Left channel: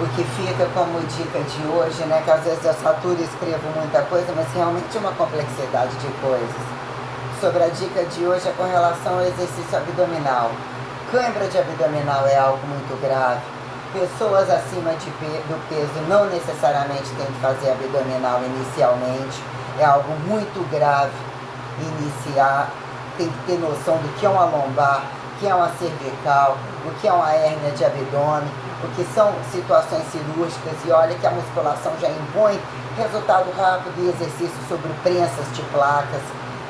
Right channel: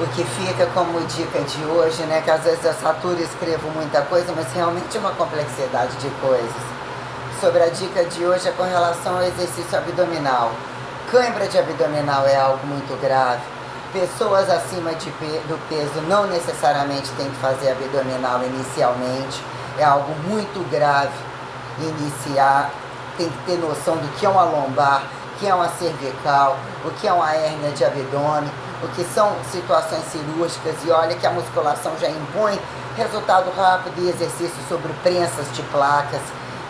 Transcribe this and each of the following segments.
o que fica como dica de hoje, né? Que às vezes eu saturo e escrevo muita coisa, mas realmente é uma complexidade de coisas. Sobre a dica de hoje é com relação ao exercício abdominal. Cãibra de abdominal é algo muito grave. Pessoas acima do peso não necessariamente têm que fazer abdominal inicialmente. É algo muito grave iniciar. Tem que ter noção do que é uma lombar, o que é uma cervical, o que é uma hérnia de abdômen, o que são situações cirúrgicas. E olha que a musculação já impõe resultado rápido e exercício sobre prensas de placas,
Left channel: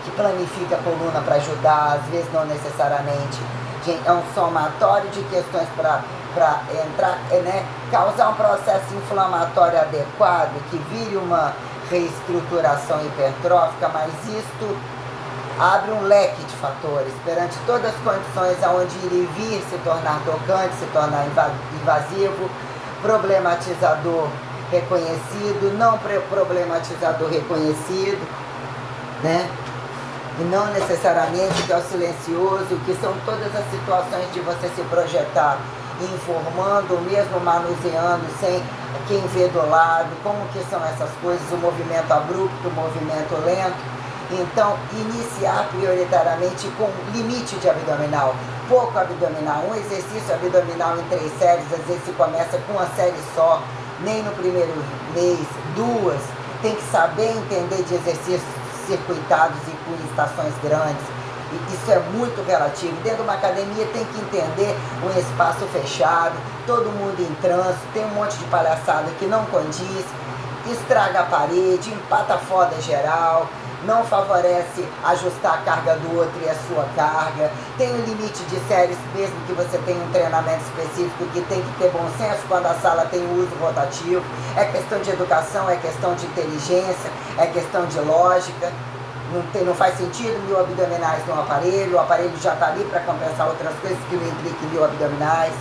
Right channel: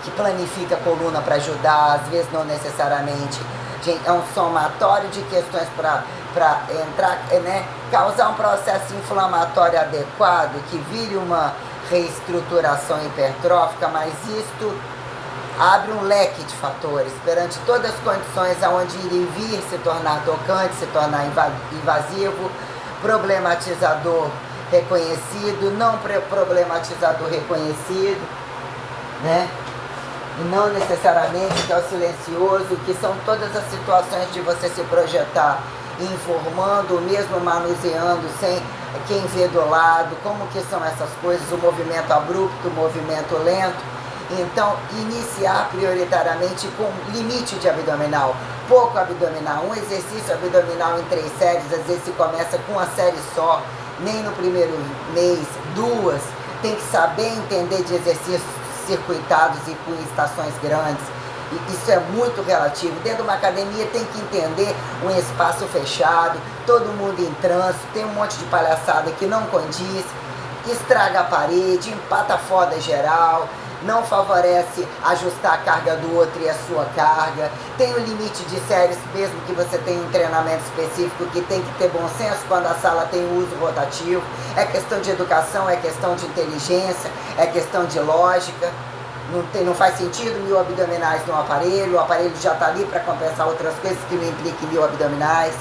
que planifica a coluna para ajudar, às vezes não necessariamente. Gente, é um somatório de questões para entrar, né, causar um processo inflamatório adequado, que vire uma reestruturação hipertrófica, mas isto abre um leque de fatores perante todas as condições aonde ir e vir se tornar tocante, se tornar invasivo, problematizador reconhecido, não problematizador reconhecido, né? E não necessariamente que é o silencioso, que são todas as situações de você se projetar informando, ou mesmo manuseando, sem quem vê do lado, como que são essas coisas, o movimento abrupto, o movimento lento. Então, iniciar prioritariamente com limite de abdominal, pouco abdominal, um exercício abdominal em 3 séries, às vezes se começa com uma série só, nem no primeiro mês, 2, tem que saber entender de exercícios circuitados e com estações grandes. E isso é muito relativo. Dentro de uma academia tem que entender um espaço fechado, todo mundo em trânsito, tem um monte de palhaçada que não condiz, estraga a parede, empata a foda geral, não favorece ajustar a carga do outro e a sua carga, tem um limite de séries, mesmo que você tenha um treinamento específico, que tem que ter bom senso quando a sala tem uso rotativo. É questão de educação, é questão de inteligência, é questão de lógica. Não faz sentido 1000 abdominais no aparelho, o aparelho já está ali para compensar outras coisas que não impliquem 1000 abdominais.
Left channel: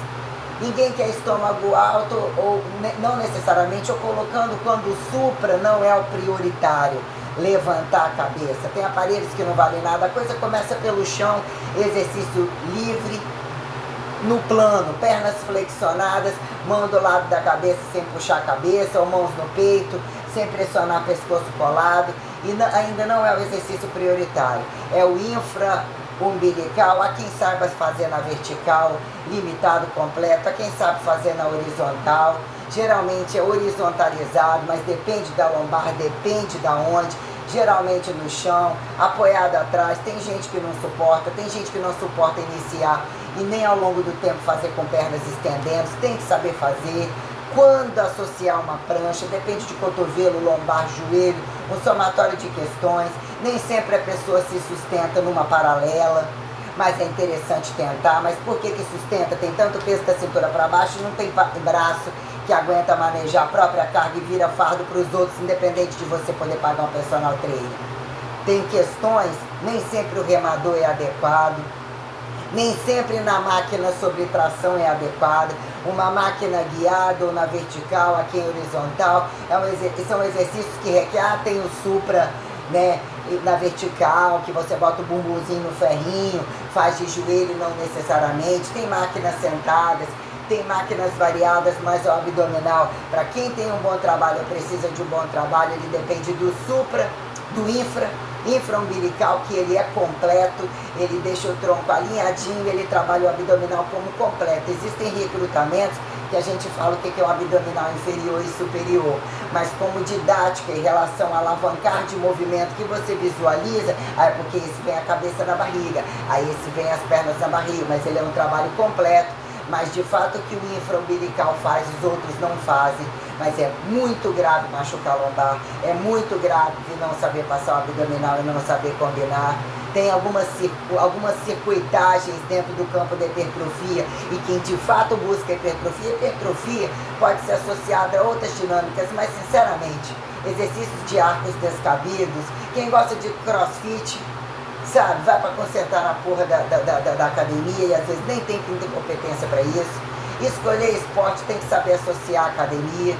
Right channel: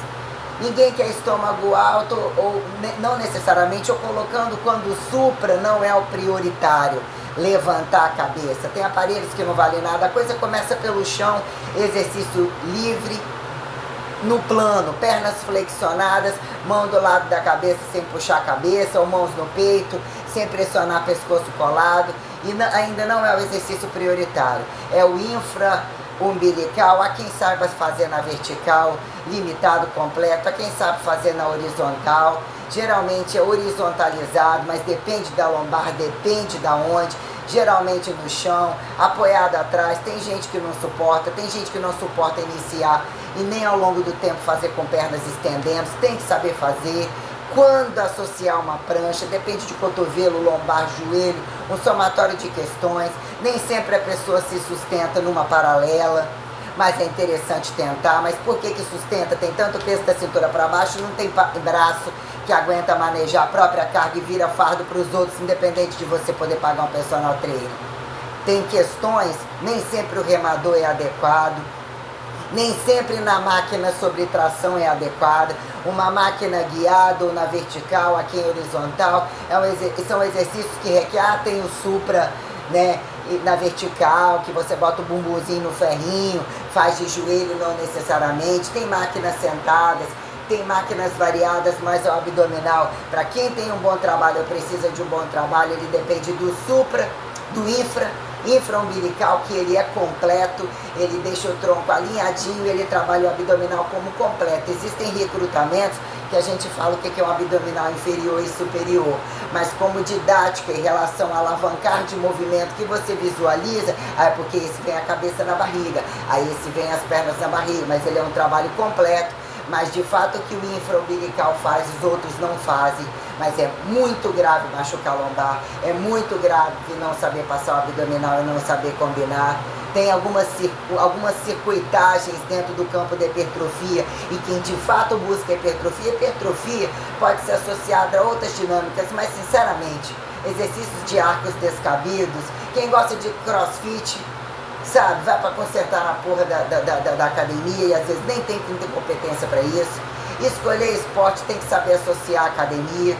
Ninguém quer estômago alto, ou não necessariamente, ou colocando quando o supra não é o prioritário, levantar a cabeça. Tem aparelhos que não valem nada, a coisa começa pelo chão, exercício livre, no plano, pernas flexionadas, mão do lado da cabeça sem puxar a cabeça, ou mãos no peito, sem pressionar pescoço colado, e ainda não é o exercício prioritário, é o infra-umbilical, a quem saiba fazer na vertical, limitado completo, a quem sabe fazer na horizontal, geralmente é horizontalizado, mas depende da lombar, depende da onde, geralmente no chão, apoiado atrás. Tem gente que não suporta, tem gente que não suporta iniciar e nem ao longo do tempo fazer com pernas estendendo, tem que saber fazer. Quando associar uma prancha, depende de cotovelo, lombar, joelho, um somatório de questões. Nem sempre a pessoa se sustenta numa paralela, mas é interessante tentar. Mas por que sustenta? Tem tanto peso da cintura para baixo e não tem braço que aguenta manejar a própria carga e vira fardo para os outros, independente de você poder pagar um personal trainer. Tem questões, nem sempre o remador é adequado, nem sempre na máquina sobre tração é adequada. Uma máquina guiada ou na vertical, aqui em horizontal, são exercícios que requerem, tem o supra, né, na vertical, que você bota o bumbumzinho no ferrinho, faz de joelho não necessariamente, tem máquinas sentadas, tem máquinas variadas, mas o abdominal, para quem tem um bom trabalho, precisa de um bom trabalho, ele depende do supra, do infra-umbilical, que ele é completo, ele deixa o tronco alinhadinho, ele trabalha o abdominal como completo. Existem recrutamentos que a gente fala o que é um abdominal inferior e superior, mas como didática em relação a alavancar de movimento que você visualiza, é porque esse vem a cabeça na barriga, aí esse vem as pernas na barriga, mas ele é um trabalho completo. Mas de fato o que o infra-umbilical faz, os outros não fazem. Mas é muito grave machucar a lombar, é muito grave não saber passar o abdominal e não saber combinar. Tem algumas circuitagens dentro do campo da hipertrofia, e quem de fato busca hipertrofia pode ser associada a outras dinâmicas, mas sinceramente, exercícios de arcos descabidos, quem gosta de crossfit, sabe, vai para consertar na porra da academia e às vezes nem tem competência para isso. Escolher esporte tem que saber associar a academia.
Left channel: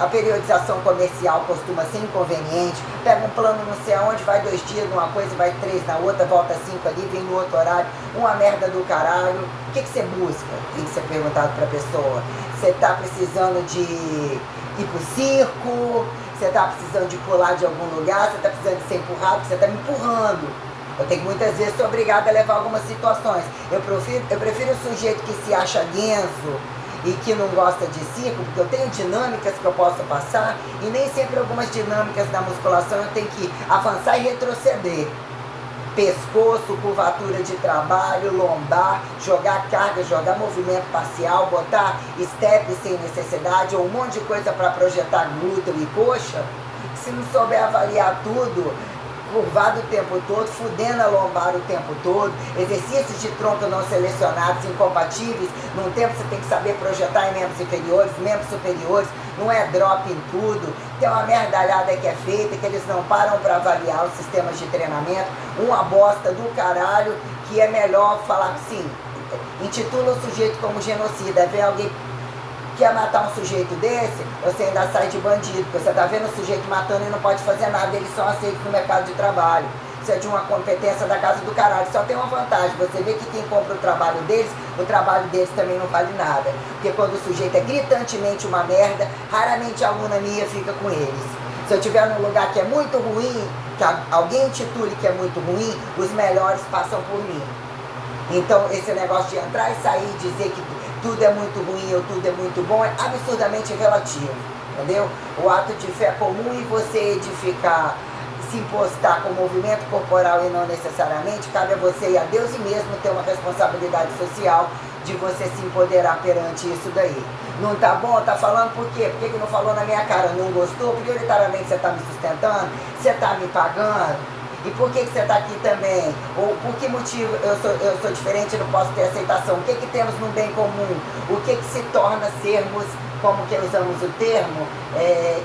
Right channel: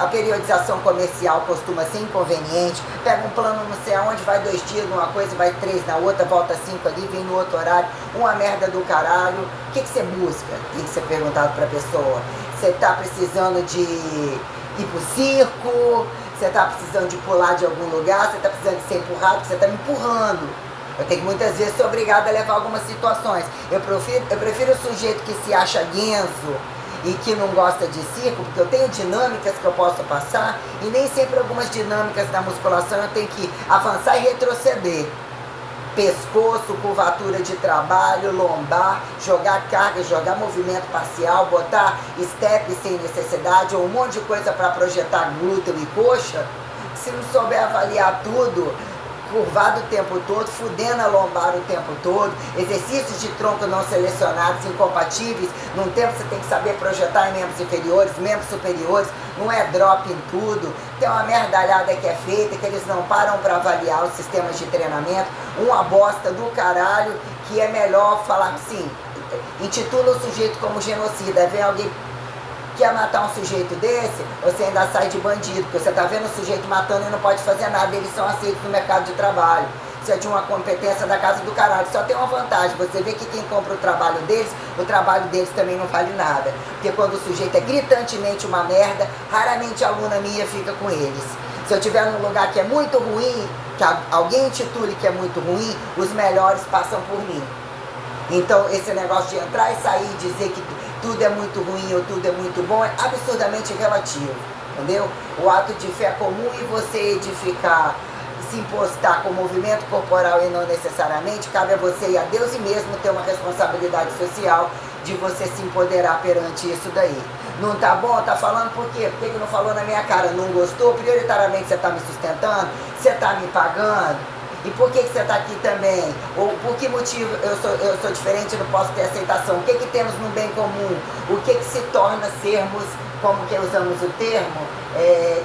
A periodização comercial costuma ser inconveniente. Pega um plano não sei aonde, vai 2 dias numa coisa, vai 3 na outra, volta 5 ali, vem no outro horário. Uma merda do caralho. O que você busca? Tem que ser perguntado para a pessoa. você está precisando de ir pro circo, você está precisando de pular de algum lugar, você está precisando de ser empurrado, você está me empurrando. Eu tenho que muitas vezes ser obrigada a levar algumas situações. Eu prefiro o sujeito que se acha guenzo e que não gosta de circo, porque eu tenho dinâmicas que eu posso passar, e nem sempre algumas dinâmicas da musculação eu tenho que avançar e retroceder. Pescoço, curvatura de trabalho, lombar, jogar carga, jogar movimento parcial, botar step sem necessidade, ou um monte de coisa para projetar glúteo e coxa. Se não souber avaliar tudo, curvado o tempo todo, fudendo a lombar o tempo todo, exercícios de tronco não selecionados, incompatíveis, num tempo você tem que saber projetar em membros inferiores, membros superiores, não é drop em tudo, tem uma merdalhada que é feita, que eles não param para avaliar os sistemas de treinamento, uma bosta do caralho, que é melhor falar assim, intitula o sujeito como genocida, vem alguém quer matar um sujeito desse, você ainda sai de bandido, porque você está vendo o sujeito matando e não pode fazer nada, eles são aceitos no mercado de trabalho. Isso é de uma competência da casa do caralho. Só tem uma vantagem, você vê que quem compra o trabalho deles também não vale nada. Porque quando o sujeito é gritantemente uma merda, raramente a aluna minha fica com eles. Se eu estiver num lugar que é muito ruim, que alguém intitule que é muito ruim, os melhores passam por mim. Então esse negócio de entrar e sair e dizer que tudo é muito ruim ou tudo é muito bom é absurdamente relativo, entendeu? O ato de fé comum e você edificar, se impostar com movimento corporal e não necessariamente, cabe a você e a Deus, e mesmo ter uma responsabilidade social de você se empoderar perante isso daí. Não tá bom? Tá falando por quê? Por que não falou na minha cara? Não gostou? Prioritariamente você tá me sustentando? Você tá me pagando? E por que você está aqui também? Ou por que motivo eu sou diferente e não posso ter aceitação? O que temos no bem comum? O que se torna sermos, como que usamos o termo,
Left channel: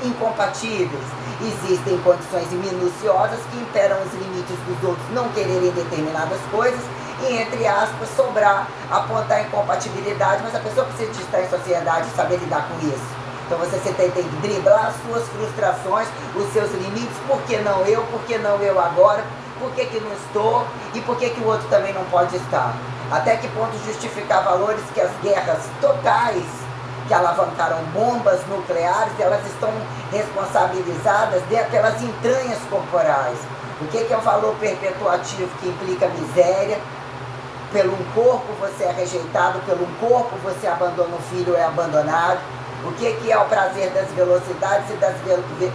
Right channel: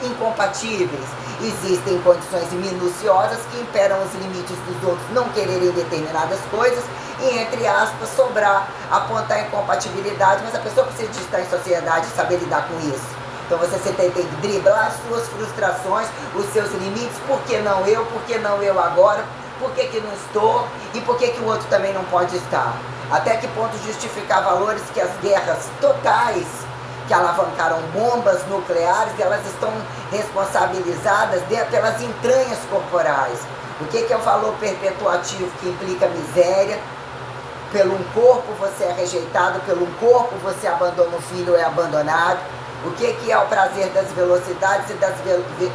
incompatíveis? Existem condições minuciosas que imperam os limites dos outros não quererem determinadas coisas e, entre aspas, sobrar, apontar incompatibilidade, mas a pessoa precisa de estar em sociedade e saber lidar com isso. Então você tem que driblar as suas frustrações, os seus limites, por que não eu, por que não eu agora, por que não estou e por que o outro também não pode estar. Até que ponto justificar valores que as guerras totais que alavancaram bombas nucleares, elas estão responsabilizadas pelas entranhas corporais. O que é o valor perpetuativo que implica miséria? Pelo um corpo você é rejeitado, pelo um corpo você abandona o filho ou é abandonado. O que é o prazer das velocidades e das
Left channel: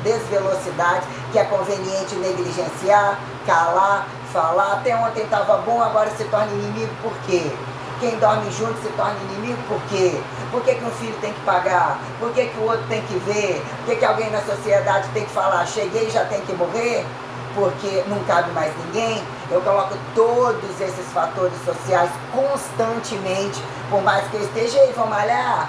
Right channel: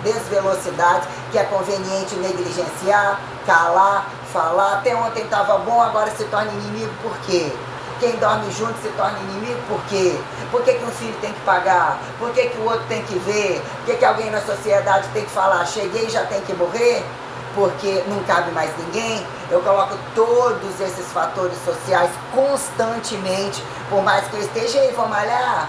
desvelocidades, que é conveniente negligenciar, calar, falar. Até ontem estava bom, agora se torna inimigo, por quê? Quem dorme junto se torna inimigo, por quê? Por que um filho tem que pagar? Por que o outro tem que ver? Por que alguém na sociedade tem que falar, cheguei e já tem que morrer? Porque não cabe mais ninguém. Eu coloco todos esses fatores sociais constantemente, por mais que eu esteja aí, vou malhar,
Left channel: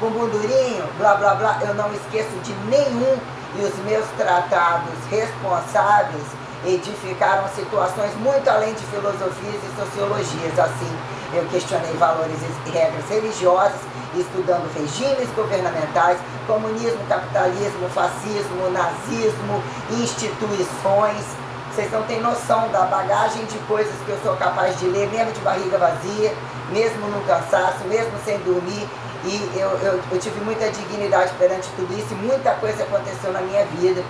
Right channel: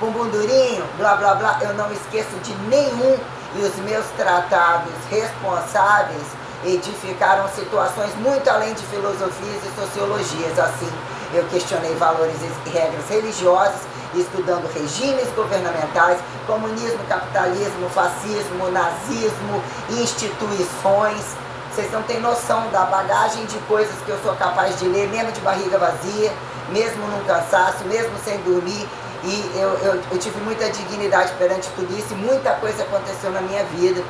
bumbum durinho, blá blá blá, eu não esqueço de nenhum, e os meus tratados responsáveis edificaram situações muito além de filosofias e sociologias. Assim, eu questionei valores e regras religiosas, estudando regimes governamentais, comunismo, capitalismo, fascismo, nazismo, instituições. Vocês não têm noção da bagagem de coisas que eu sou capaz de ler, mesmo de barriga vazia, mesmo num cansaço, mesmo sem dormir. E eu tive muita dignidade perante tudo isso, e muita coisa aconteceu na minha vida,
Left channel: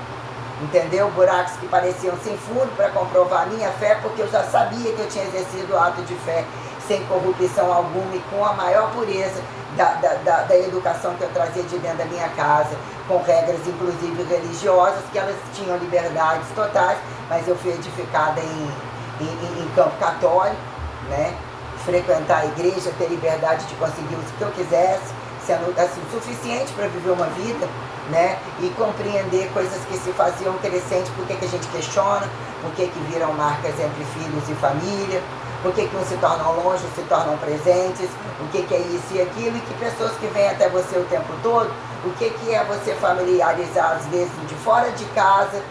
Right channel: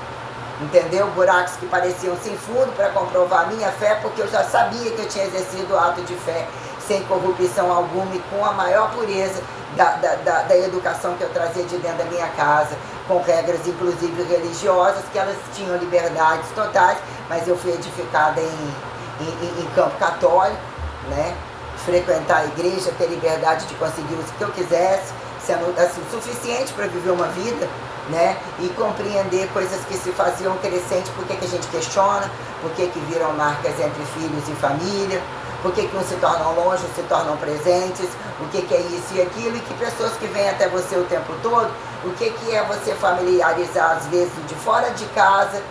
entendeu? Buracos que pareciam sem fundo para comprovar a minha fé, porque eu já sabia que eu tinha exercido o ato de fé sem corrupção alguma e com a maior pureza da educação que eu trazia de dentro da minha casa, com regras inclusive religiosas, que elas tinham liberdades totais, mas eu fui edificada em campo católico, né? Frequentar a igreja, ter liberdade de conseguir o que eu quisesse, sendo assim, suficiente para viver uma vida, né? E compreender coisas que se faziam crescentes, por que a gente questiona, por que viram marcas entre filhos e família, por que uns se tornam longe, se tornam presentes, o que é isso e aquilo, e que pessoas que vêm até você o tempo todo, o que é você familiarizar às vezes de fora de casa,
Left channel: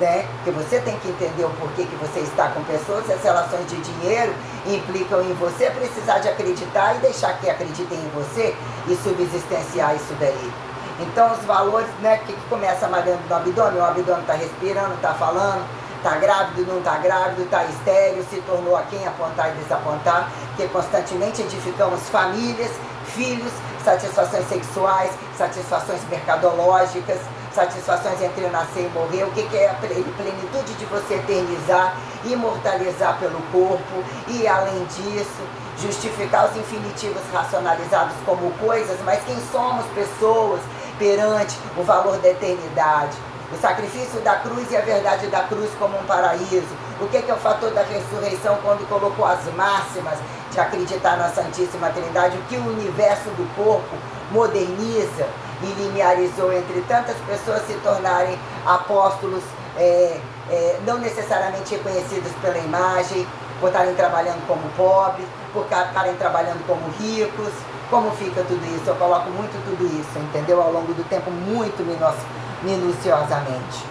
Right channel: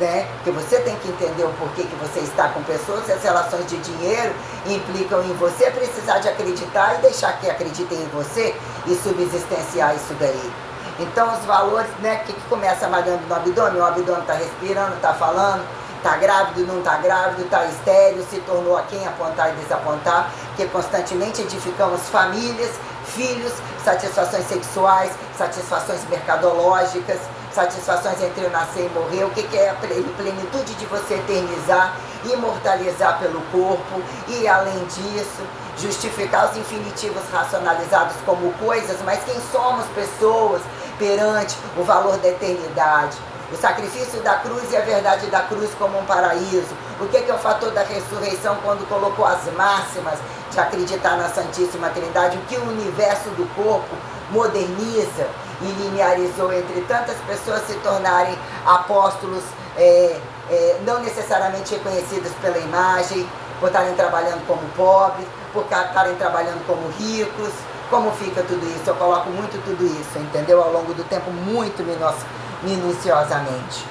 né? Porque você tem que entender o porquê que você está com pessoas, se as relações de dinheiro implicam em você precisar de acreditar e deixar que acreditem em você e subsistenciar isso daí. Então os valores, né, que começa malhando no abdômen, o abdômen está respirando, está falando, está grávido, não está grávido, está estéril, se tornou a quem apontar e desapontar, porque constantemente edificamos famílias, filhos, satisfações sexuais, satisfações mercadológicas, satisfações entre o nascer e morrer. O que é a plenitude de você eternizar, imortalizar pelo corpo e, além disso, justificar os infinitivos racionalizados como coisas, mas quem somos pessoas perante o valor da eternidade. O sacrifício da cruz e a verdade da cruz como um paraíso. O que é o fator da ressurreição quando colocou as máximas de acreditar na Santíssima Trindade? O que o universo do corpo moderniza e linearizou entre tantas pessoas se tornarem apóstolos não necessariamente reconhecidos pela imagem, por estarem trabalhando como pobres, por estarem trabalhando como ricos. Como fica tudo isso? Eu coloco muito tudo isso, entendeu? Ao longo do tempo, muito minuciosamente.